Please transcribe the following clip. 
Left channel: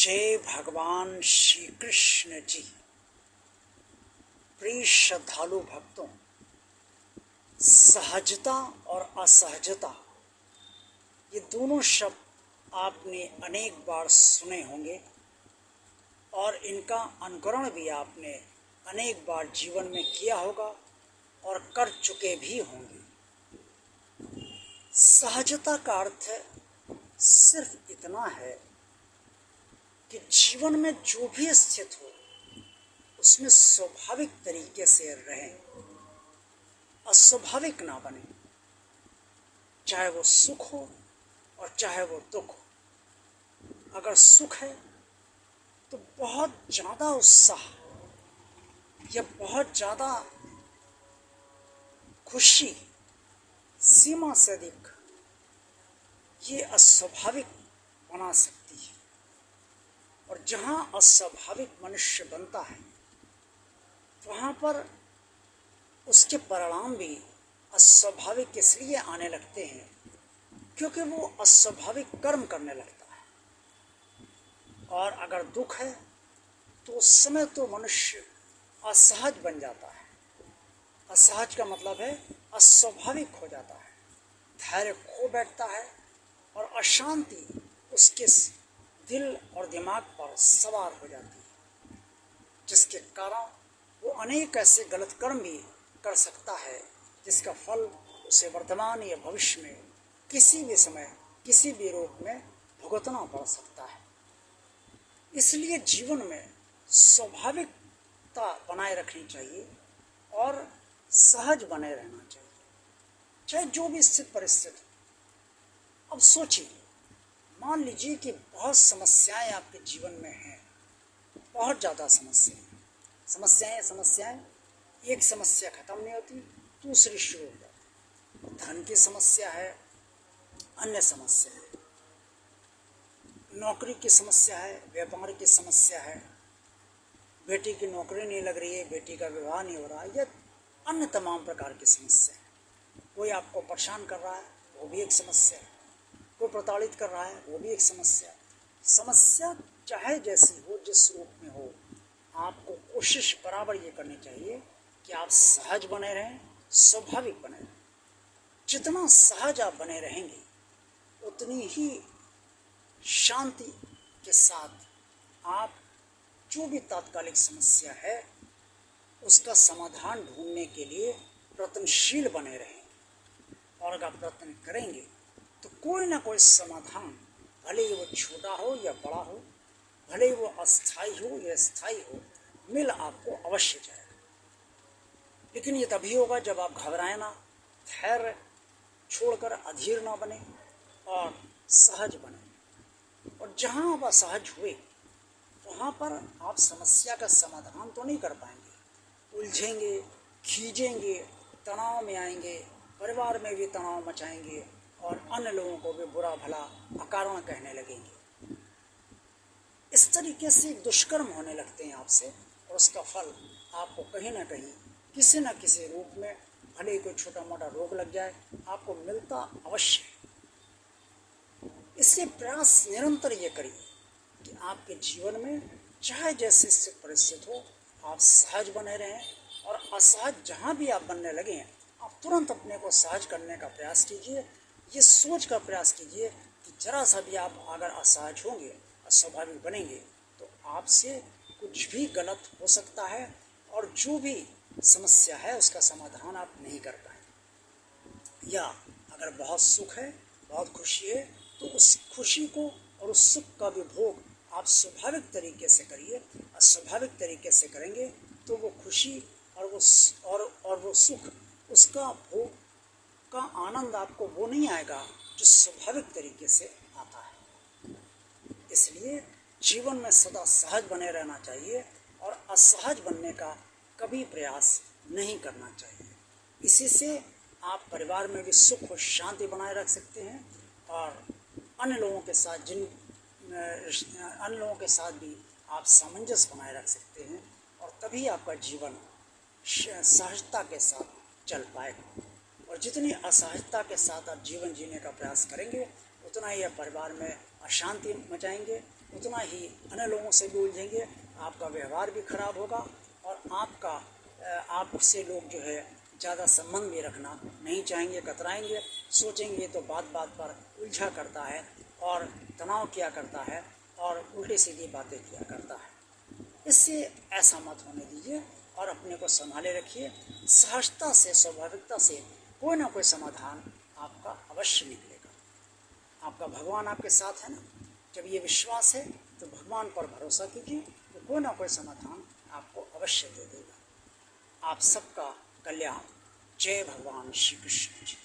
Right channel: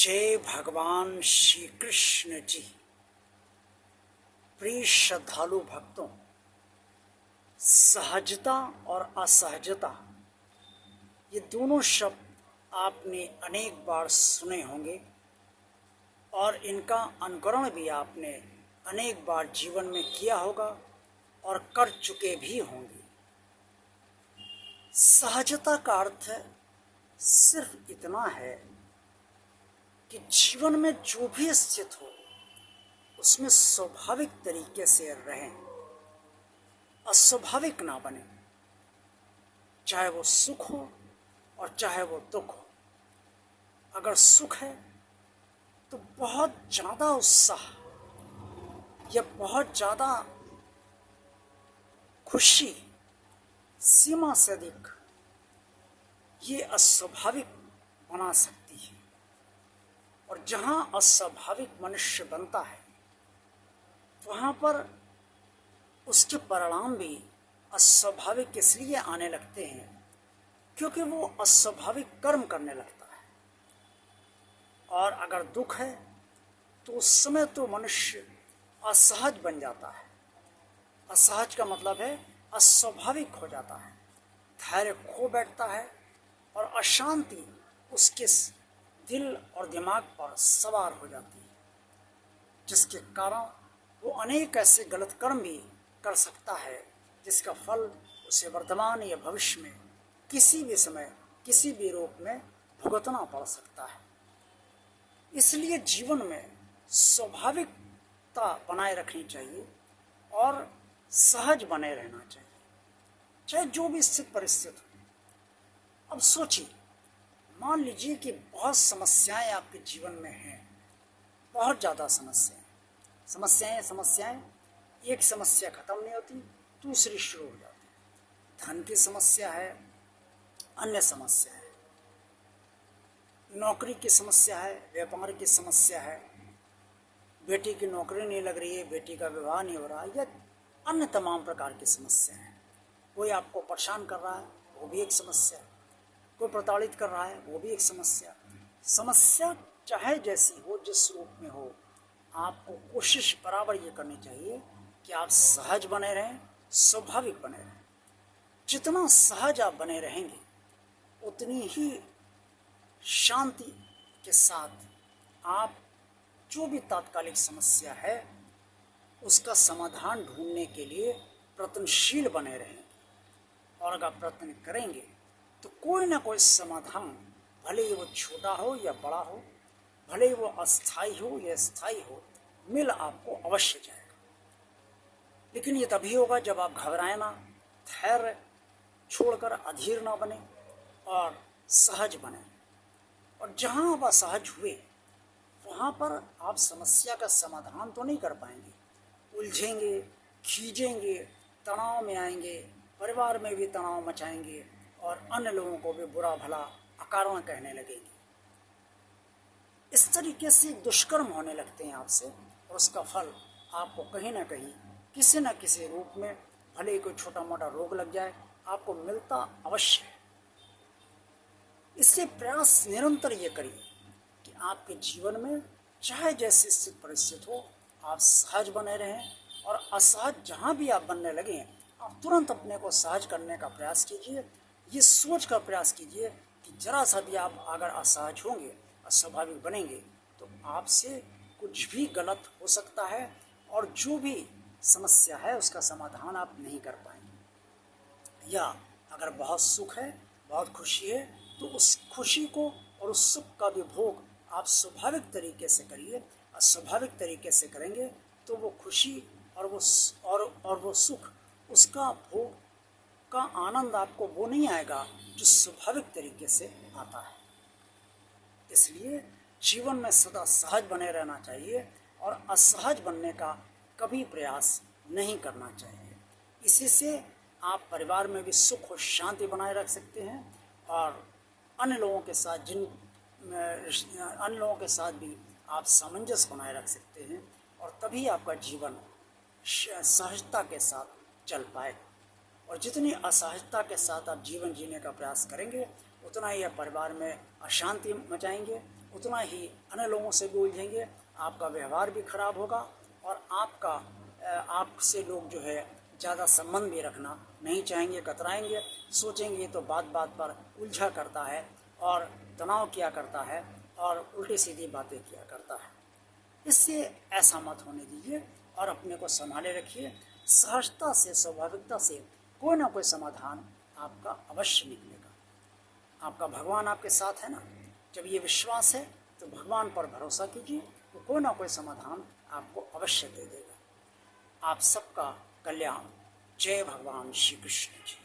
जय भगवान श्री कृष्ण जी। प्रिय श्रद्धालु भक्तों, सहजता और असहजता ये दोनों शब्द आपने अनेक बार सुने होंगे और इनका अनुकरण भी आपने अनेक बार जीवन में किया होगा और कर चुके भी होंगे। सहजता का अर्थ सिर्फ इतना है कि जीवन में जो भी स्थित हो उसमें स्वाभाविक तरीके से रहें, अस्वाभाविक ना बने। चाहे वो सुख हो और चाहे वो दुख हो। अगर सुख है तो बहुत ज़्यादा उत्साह या बहुत ज़्यादा खुशी, सीमा से अधिक, ये अस्वाभाविक बना सकती है। और जहाँ अस्वाभाविक मनुष्य बनता है वहाँ पर उसके परिणाम भी अस्वाभाविक इसलिए आने लगते हैं क्योंकि वो अस्वाभाविक कर्म करने लगता है। और अगर दुख है तो उस समय तो मनुष्य असहज बन जाता है। असहज का मतलब है अस्वाभाविक हो जाता है, धैर्य खो बैठता है और अशांति उसके दिल और दिमाग पर सवार हो जाती है, जिसके कारण वो अनेक ऐसे गलत कर्म भी कर सकता है जिसका फल उसे वर्तमान या भविष्य में किसी भी समय किसी भी रूप में भुगतना पड़ सकता है। इसलिए जीवन में स्वाभाविकता बनाए रखनी चाहिए और सहज बने रहना चाहिए, चाहे जो भी स्थिति परिस्थिति हो। अब सोचिए, मान लीजिए कि बहुत समस्याएं आपके जीवन में हैं, बहुत ज़्यादा समस्याएं, एक समस्या खत्म नहीं होती, दूसरी शुरू हो जाती है। धन की समस्या है, अन्य समस्या है, नौकरी की समस्या है, व्यापार की समस्या है, बेटी की नौकरी नहीं लग रही है, बेटी का विवाह नहीं हो रहा है, या अन्य तमाम प्रकार की समस्या है। कोई आपको परेशान कर रहा है, वो भी एक समस्या है। कोई प्रताड़ित कर रहा है, वो भी एक समस्या। समस्या चाहे जैसी हो, जिस रूप में हो, आपको कोशिश बराबर ये करनी चाहिए कि आप सहज बने रहें, स्वाभाविक बने रहें। जितना सहज आप बने रहेंगे उतनी ही शांति के साथ आप जो भी तात्कालिक समस्या है उसका समाधान ढूंढने के लिए प्रयत्नशील बने रहेंगे। और अगर प्रयत्न करेंगे तो कोई ना कोई समाधान, भले ही वो छोटा हो या बड़ा हो, भले ही वो अस्थायी हो या स्थायी हो, मिल आपको अवश्य जाएगा। लेकिन ये तभी होगा जब आप घबराएं ना, धैर्य छोड़कर अधीर ना बने और सहज बने। और जहाँ आप असहज हुए वहाँ पर आप समस्या का समाधान तो नहीं कर पाएंगे, उलझेंगे, खींचेंगे, तनाव में आएंगे, परिवार में भी तनाव मचाएंगे और अन्य लोगों को भी बुरा भला अकारण कहने लगेंगे। इस तरीके से दुष्कर्म होने लगते हैं आपसे और उसका फल आपको कहीं ना कहीं किसी न किसी रूप में, भले ही कोई छोटा मोटा रोग लग जाए, आपको मिलता अवश्य है। इसलिए प्रयास निरंतर ये करिए कि आपके जीवन में चाहे जैसी स्थिति परिस्थिति हो, आप सहज बने रहें। और असहज जहाँ भी आप बनने लगे हैं, आप तुरंत अपने को सहज करने का प्रयास कीजिए। ये सोच का प्रयास कीजिए कि जरा सा भी आप अगर असहज होंगे, अस्वाभाविक बनेंगे, तो आपसे कुछ भी गलत हो सकता है और जो भी समस्या है उसका समाधान आप नहीं कर पाएंगे। या अगर बहुत सुख है, बहुत खुशी है, तो उस खुशी को और उस सुख का भी भोग आप स्वाभाविक तरीके से करिए। अस्वाभाविक तरीके से करेंगे तो वो खुशी और वो सुख, उसका भोग का आनंद आपको वो नहीं आएगा जो स्वाभाविक तरीके से आता है। इसलिए जीवन में सदा सहज बने रहना चाहिए और असहज बनने का कभी प्रयास नहीं करना चाहिए। इसी से आप परिवार में भी सुख और शांति बनाए रख सकते हैं और अन्य लोगों के साथ भी आप सामंजस्य बनाए रख सकते हैं और तभी आपका जीवन सहजता के साथ चल पाएगा। और जितनी असहजता के साथ आप जीवन जीने का प्रयास करेंगे उतना ही आप परिवार में अशांति मचाएंगे उतना ही अन्य लोगों से भी उलझेंगे, आपका व्यवहार भी खराब होगा और आपसे लोग जो है ज़्यादा संबंध भी रखना नहीं चाहेंगे, कतराएंगे, सोचेंगे तो बात बात पर उलझा करता है और तनाव किया करता है और उल्टी सीधी बातें किया करता है। इससे ऐसा मत होने दीजिए और अपने को संभाले रखिए। सहजता से, स्वाभाविकता से कोई ना कोई समाधान आपका अवश्य निकलेगा। आपका भगवान आपके साथ है ना, जब ये विश्वास है तो भगवान पर भरोसा कीजिए, तो कोई ना कोई समाधान आपको अवश्य दे देगा। आप सबका कल्याण। जय भगवान श्री कृष्ण जी।